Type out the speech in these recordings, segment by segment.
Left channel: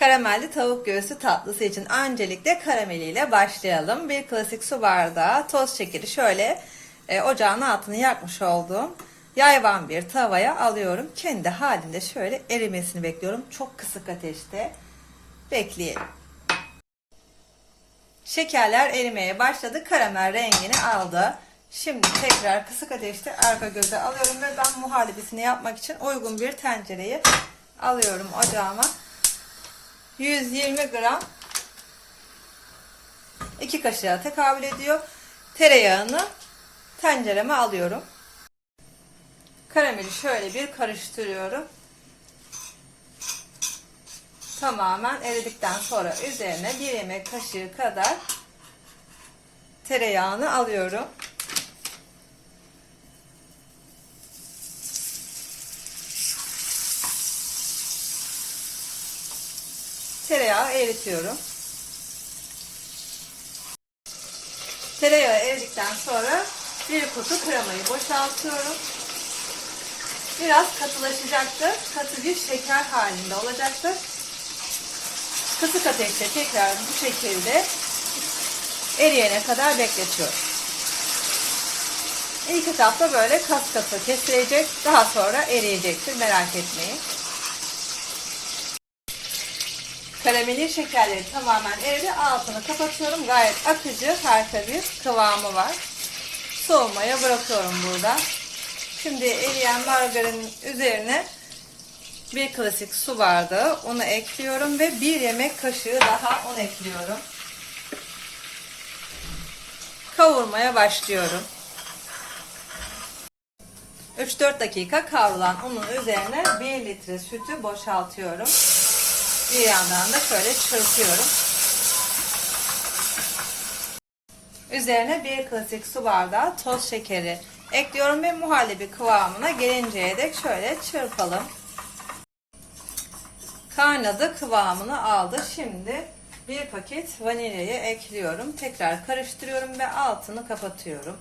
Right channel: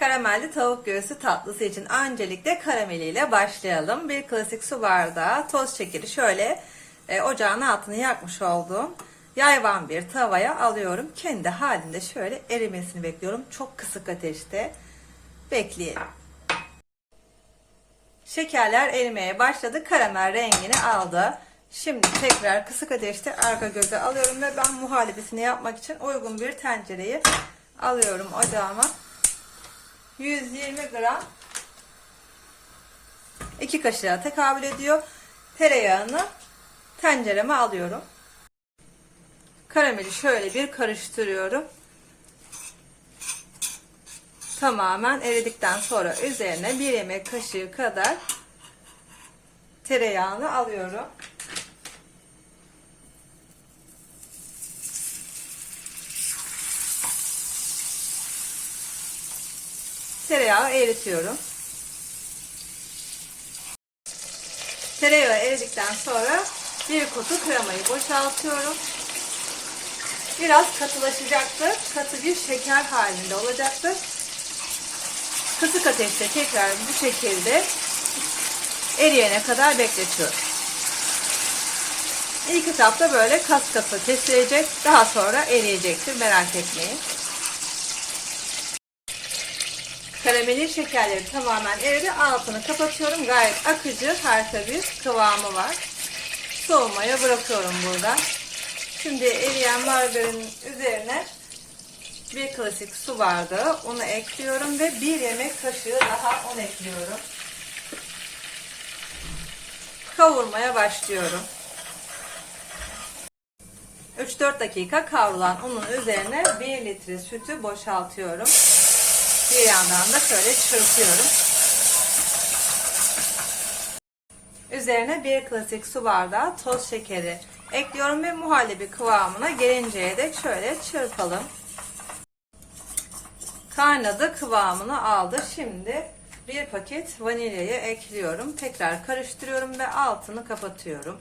Karamelli tavuk göğsü tatlısı için öncelikle karameliyle başlayalım. Bir klasik su bardağı toz şekeri şöyle e, ocağın altını yakmış olduğum yayvan bir tavaya alıyorum. Kendi halinde şöyle erimesini bekliyorum. Çok kısık ateşte bekleyelim. Şekerler erimeye başladı. Karamel rengini aldı. Şimdi tekrar kısık ateşte arka göze alıyorum ve ben muhallebisini yapmak için uygun bir tencereyi alıyorum ocağıma. 120 gram 2 kaşığa tekabül ediyor. Tereyağını tencereme alıyorum. Karameli şöyle bir karıştırıyorum. Tamamen eridikten sonra üzerine bir yemek kaşığı kadar tereyağını alıyorum. Tereyağı eritiyorum. Tereyağı eridikten sonra bir kutu kremayı boşaltıyorum. Biraz katılaşacaktır. Katı bir şeker halinde olacaktır. Kısık ateşte tekrar bu şekilde eriyene kadar bekletiyorum. İlk etapta böyle kas katı kesilecek. Daha sonra eriyecektir. Merak etmeyin. Karameli şekerleri tamamen eridi. Altını kapatıyorum. Gayet akıcı, harika bir kıvamı var. Soğumaya bırakıyorum burada. Şimdi eriyen margarinin üzerine bir klasik su bardağı onu ekliyorum ve bir yemek kaşığı daha un ekliyorum. Kavurmaya başlıyorum. 3-4 dakika kavrulan unun üzerine 1 litre sütü boşaltıyorum. Bir yandan da şöyle çırpıyorum. Üzerine bir klasik su bardağı toz şekeri ekliyorum ve muhallebi kıvamına gelinceye dek şöyle çırpalım. Kaynadı kıvamını aldı. Şimdi bir paket vanilyayı ekliyorum. Tekrar karıştırıyorum ve altını kapatıyorum.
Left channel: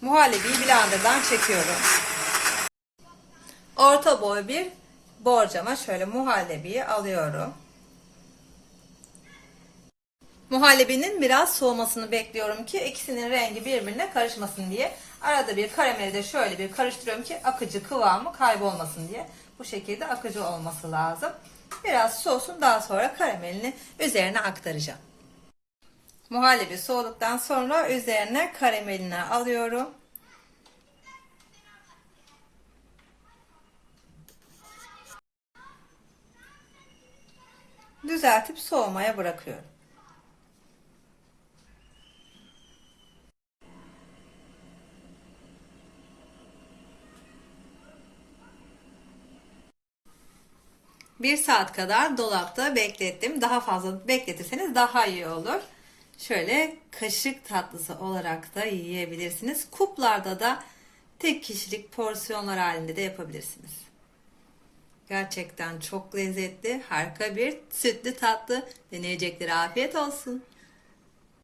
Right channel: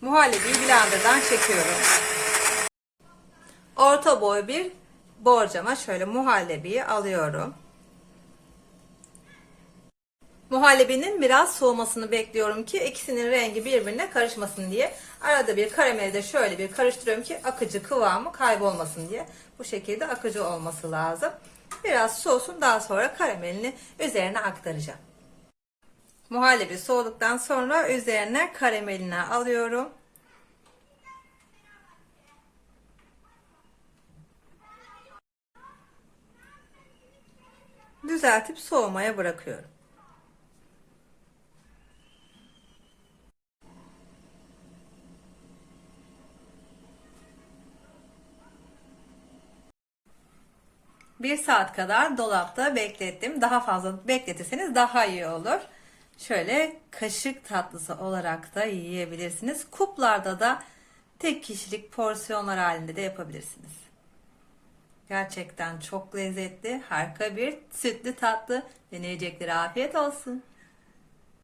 Muhallebiyi blenderdan çekiyorum. Orta boy bir borcama şöyle muhallebiyi alıyorum. Muhallebinin biraz soğumasını bekliyorum ki ikisinin rengi birbirine karışmasın diye. Arada bir karameli de şöyle bir karıştırıyorum ki akıcı kıvamı kaybolmasın diye. Bu şekilde akıcı olması lazım. Biraz soğusun daha sonra karamelini üzerine aktaracağım. Muhallebi soğuduktan sonra üzerine karamelini alıyorum. Düzeltip soğumaya bırakıyorum. Bir saat kadar dolapta beklettim. Daha fazla bekletirseniz daha iyi olur. Şöyle kaşık tatlısı olarak da yiyebilirsiniz. Kuplarda da tek kişilik porsiyonlar halinde de yapabilirsiniz. Gerçekten çok lezzetli, harika bir sütlü tatlı. Deneyecekleri afiyet olsun.